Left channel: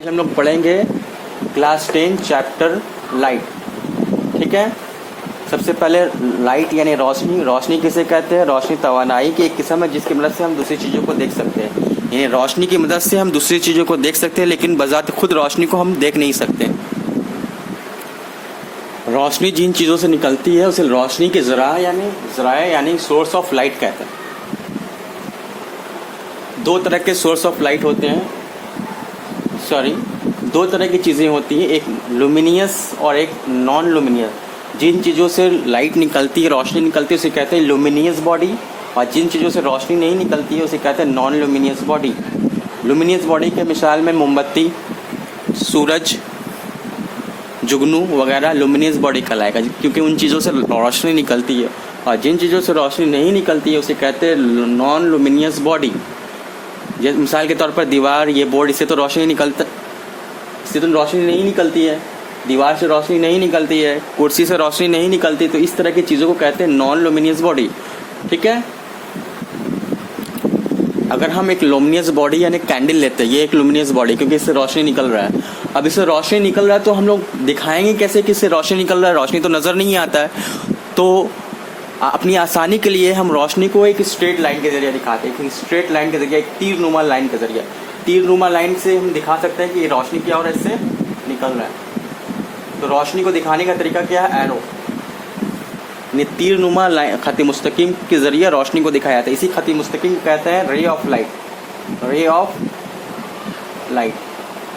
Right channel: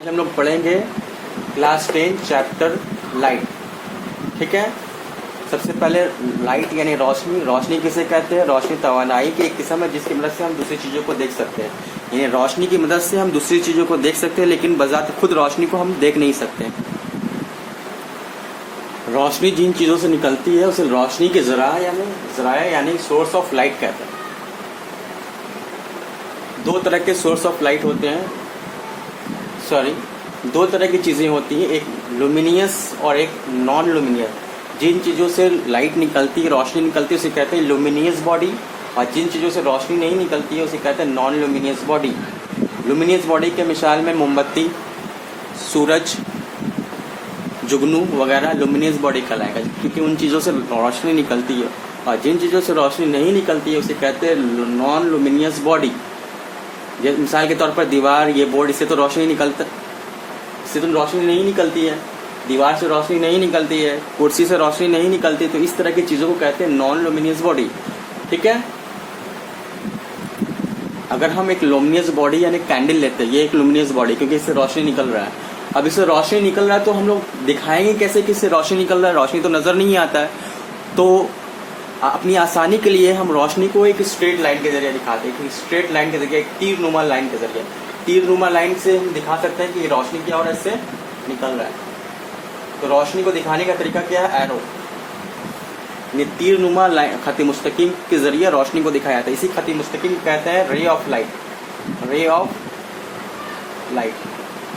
हम लोग पढ़ेंगे क्लास 10 चैप्टर लाइट। ठीक है। सबसे पहले लाइट यानी रोशनी। रोशनी किसे कहते हैं? रोशनी तवानाई की एक किस्म है जिसकी मदद से हम दूसरी चीज़ों को देख सकते हैं। यानी रोशनी की मदद से हम दूसरी चीज़ों को देख सकते हैं, लेकिन बजाते खुद रोशनी को हम देख नहीं सकते। रोशनी जिन चीज़ों से निकलती है उसे रोशनी के ज़राया यानी सोर्स ऑफ लाइट कहते हैं। दो तरह के सोर्स ऑफ लाइट होते हैं, दो तरह की चीज़ें होती हैं, एक लुमिनियस और एक नॉन लुमिनियस। जिन चीज़ों से लाइट निकलती है, रोशनी निकलती है, उसे कहते हैं लुमिनियस बॉडी, और जिन चीज़ों से रोशनी नहीं निकलती है उसे कहते हैं non luminous body. Luminous body के मिसाल में मोमबत्ती, सूरज, जुगनू वगैरह लुमिनियस बॉडी कहलाएगा, क्योंकि उन चीज़ों से रोशनी निकलती है। और जिन चीज़ों से रोशनी नहीं निकलती है उसे कहते हैं नॉन लुमिनियस बॉडी। जैसे मिसाल के तौर पर दीवार, ये बोर्ड, इससे तो रोशनी नहीं निकलती है। दीवार से रोशनी नहीं निकलती है, कुर्सी से रोशनी नहीं निकलती, तो इस तरह की चीज़ों को कहते हैं नॉन लुमिनियस बॉडी। ठीक है। अगर हम एक लुमिनियस बॉडी यानी कैंडल लेते हैं, ये एक लुमिनियस बॉडी क्योंकि इससे रोशनी निकल रहा है। अब इससे रोशनी निकल रहा है तो हम लोग दिखाएंगे कैसे कि इससे रोशनी निकल रहा है? रोशनी तो नज़र नहीं आता है। तो अपनी आसानी के लिए हम रोशनी को एक स्ट्रेट लाइन के जरिए दिखाते हैं, एक स्ट्रेट लाइन के जरिए, एक तीरनुमा लाइन के जरिए। तीरनुमा लाइन से हम दिखा सकते हैं कि ये रोशनी क्या हो रहा है, इससे निकल रहा है। तो रोशनी को दिखाने का तरीका क्या है? एरो। तीरनुमा लाइन, खत मुस्तकीम के जरिए रोशनी को दिखाया जाता है। इसी खत मुस्तकीम को कहते हैं ray of light. Ray of light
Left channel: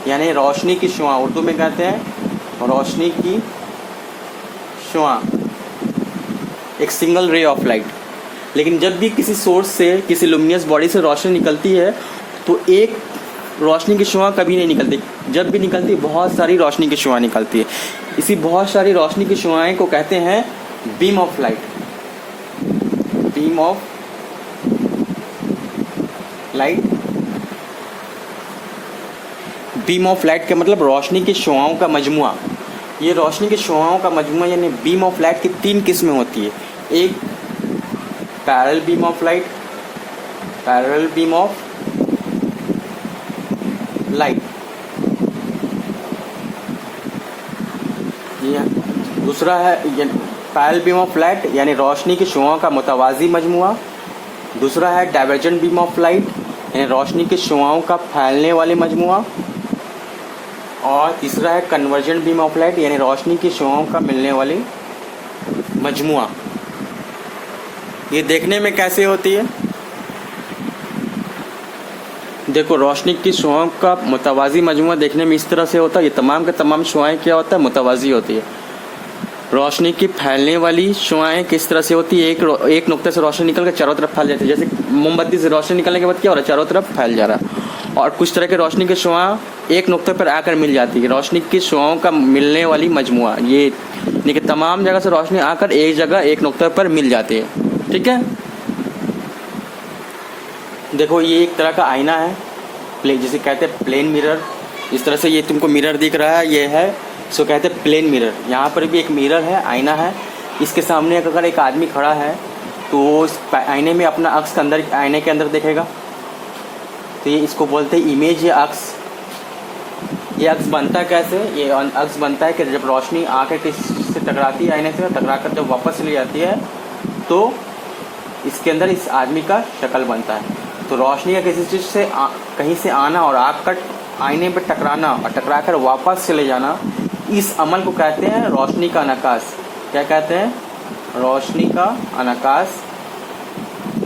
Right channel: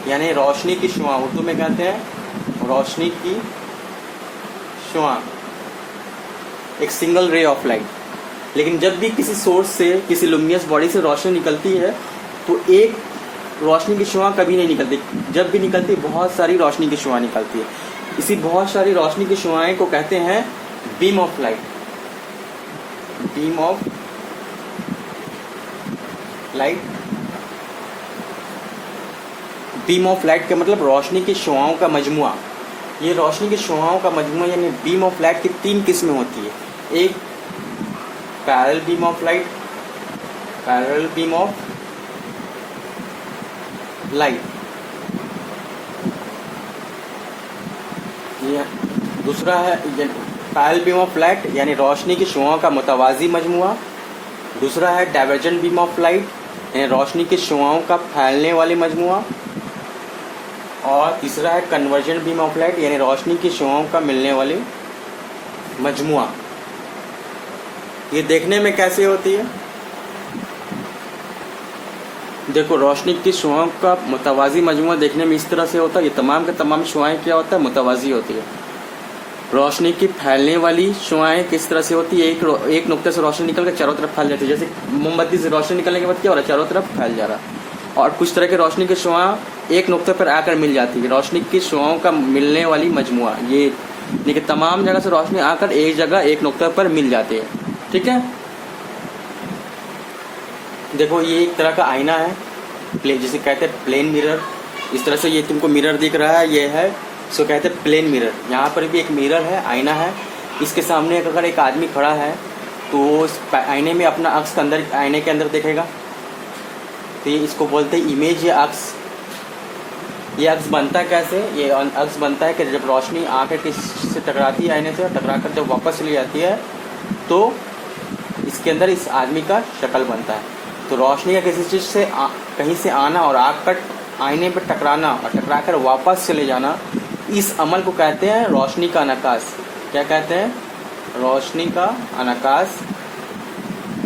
यानी रोशनी की शुआ, उर्दू में कहते हैं रोशनी की शुआ, एक सिंगल रे ऑफ लाइट। लेकिन जब भी किसी सोर्स से, किसी लुमिनियस बॉडी से रोशनी निकलती है तो एक रोशनी की शुआ कभी नहीं निकलती। जब भी निकलती बहुत सारी रोशनी की शुआ निकलती है। इसी बहुत सारी रोशनी की शुआएं को कहते हैं beam of light. Beam of light. Beam of light का मतलब रोशनी की शुआओं का मजमुआ। ये रोशनी की शुआओं का मजमुआ यानी बीम ऑफ लाइट की तीन किस्में होती है। एक parallel beam of light, parallel beam of light. दूसरा है पैरेलल बीम ऑफ लाइट यानी रोशनी की शुआओं का मुतवाजी मजमुआ। दूसरा है डाइवर्जेंट बीम ऑफ लाइट यानी रोशनी की शुआओं का फैलने वाले मजमुआ। और तीसरा है कन्वर्जेंट बीम ऑफ लाइट यानी रोशनी की शुआओं का मिलने वाले मजमुआ। ये देखने में कैसे होती है? देखो, रोशनी की शुआओं का मुतवाजी मजमुआ देखने में इस तरह से होता है। ये तमाम के तमाम शुआएं क्या होता है? मुतवाजी होती है। रोशनी की फैलने वाली शुआएं किस तरह से होती है? एक नुक्ते से रोशनी निकल कर चारों तरफ फैल जाती है। जैसे मोमबत्ती से रोशनी निकलने के बाद क्या हो रहा है? चारों तरफ फैल जा रहा है। और कुछ तरह के रोशनी की शुआ एक नुक्ते पर आकर मिल जाती है। रोशनी की शुआओं का मिलने वाली मजमुआ, ये यानी कि तमाम जगह से रोशनी आकर एक जगह, एक नुक्ते पर मिल जाती है। ठीक है। देखो, ये एक तरह का आईना है, जिसे कहते हैं प्लेन मिरर। इस तरह से ये तुमको मिरर दिख रहा है, ये है सो कहते हैं प्लेन मिरर। यहाँ पर भी एक मिरर है, आईना है। इसके सामने अगर एक आदमी खड़ा है तो उस आईने में अपना अक्स अंदर, आईने के अंदर देखेगा। तो ये इसको बोलते हैं इमेज या अक्स। ये अक्स बनता है कैसे? ये अक्स बनता है कि जब रोशनी आकर किसी से टकराती है, आईने से टकराकर जब वापस चली जाती है तो इसके अंदर इस आदमी का शक्ल बनता है। तो रोशनी का किसी चीज़ से कहीं से आना और आकर आईने पर टकराना और टकराकर वापस चले जाना, इस अमल को कहते हैं रोशनी का अनकास। क्या कहते हैं? रोशनी का अनकास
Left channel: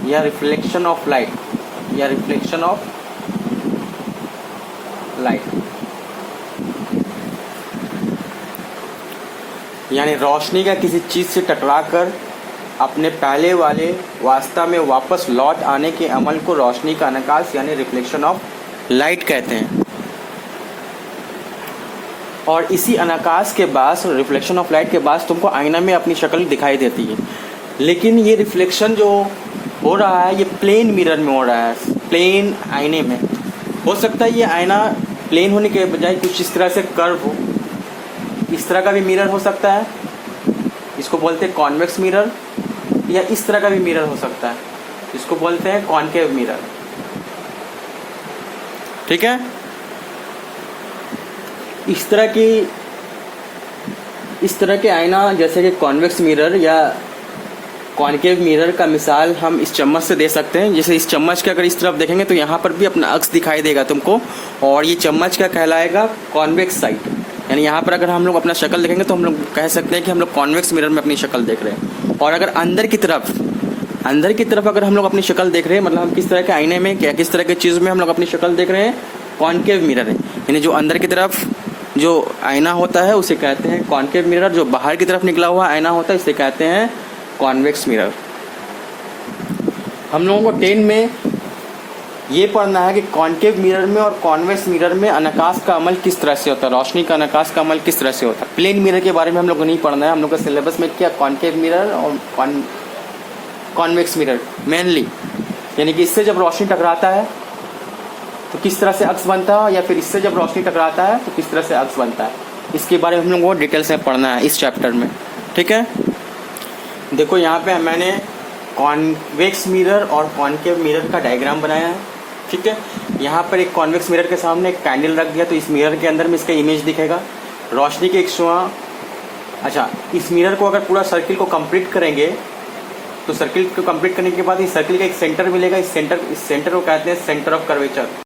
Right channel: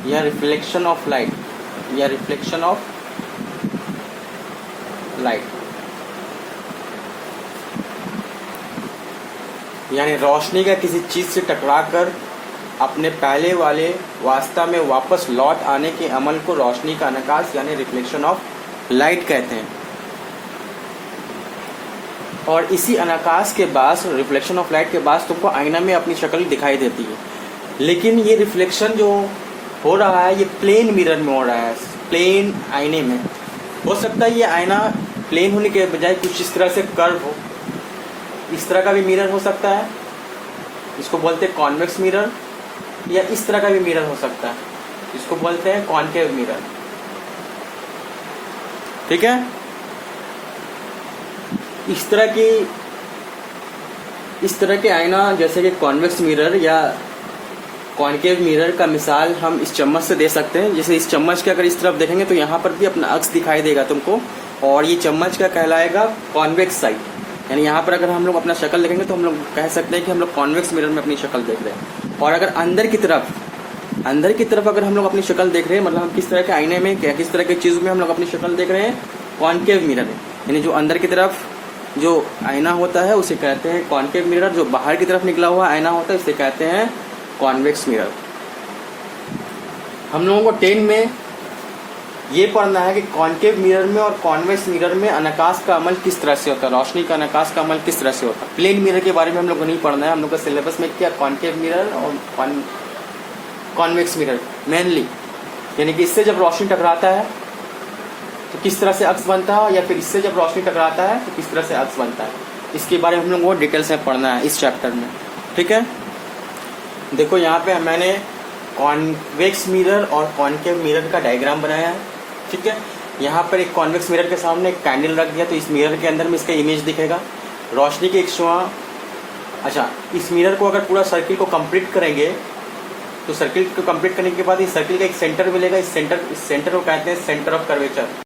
या रिफ्लेक्शन ऑफ लाइट, या रिफ्लेक्शन ऑफ लाइट। यानी रोशनी का किसी चीज से टकराकर अपने पहले वाले वास्ता में वापस लौट आने के अमल को रोशनी का अनकास यानी रिफ्लेक्शन ऑफ लाइट कहते हैं। और इसी अनकास के बाद, रिफ्लेक्शन ऑफ लाइट के बाद तुमको आईना में अपनी शक्ल दिखाई देती है। लेकिन ये रिफ्लेक्शन जो हो रहा है ये प्लेन मिरर में हो रहा है, प्लेन आईने में। हो सकता है ये आईना प्लेन होने के बजाय कुछ इस तरह से कर्व हो। इस तरह का भी मिरर हो सकता है, इसको बोलते हैं कॉन्वेक्स मिरर। या इस तरह का भी मिरर हो सकता है, इसको बोलते हैं कॉनकेव मिरर। ठीक है। इस तरह के आईना जैसे कि कॉन्वेक्स मिरर या कॉनकेव मिरर का मिसाल हम इस चम्मच से दे सकते हैं। जैसे इस चम्मच के अगर इस तरफ देखेंगे तो यहाँ पर भी अपना अक्स दिखाई देगा तुमको, और ये चम्मच का कहलाएगा कॉन्वेक्स साइड। यानी यहाँ पर अगर हम लोग अपना शक्ल देखेंगे तो हम लोग कह सकते हैं कि हम लोग कॉन्वेक्स मिरर में अपनी शक्ल देख रहे हैं। और अगर अंदर की तरफ अगर हम लोग अपनी शक्ल देख रहे हैं, मतलब हम किस तरह के आईने में क्या किस तरह की चीज़ में हम लोग अपनी शक्ल देख रहे हैं, कॉनकेव मिरर है। यानी जो अंदर की तरफ जो आईना होता है उसे कहते हैं कॉनकेव मिरर, जो बाहर की तरफ निकला हुआ आईना होता है इसे कहते हैं कॉन्वेक्स मिरर। हम लोगों को 10 में ये पढ़ना है कि कॉनकेव मिरर में और कॉन्वेक्स मिरर में अनकाश का अमल किस तरह से होता है, रोशनी का अनकाश का अमल किस तरह से होता है। प्लेन मिरर के बारे में हम लोग को नहीं पढ़ना है। हम लोग का सिलेबस में क्या कॉनकेव मिरर और कॉन्वेक्स मिरर मेनली, यानी कि इससे जब रोशनी टकराता है तो किस तरह से अक्स बनता है, या फिर इससे जब रोशनी टकराता है तो किस तरह से अक्स बनता है, इसके बारे में हम लोगों को डिटेल्स में पढ़ना है इस चैप्टर में। ठीक है, देखो यहाँ पे मैंने कॉन्वेक्स मिरर और कॉनकेव मिरर का डायग्राम बनाया है। ठीक है, यहाँ पर एक कॉन्वेक्स मिरर के सामने एक कैंडल रख दिया, तो इस मिरर के अंदर में इसका इमेज दिखेगा, रोशनी के एक शुआ। अच्छा, इस मिरर को अगर पूरा सर्किल को कंप्लीट करेंगे तो सर्किल को कंप्लीट करने के बाद इस सर्किल का एक सेंटर मिलेगा। इस सेंटर को कहते हैं सेंटर ऑफ कर्वेचर।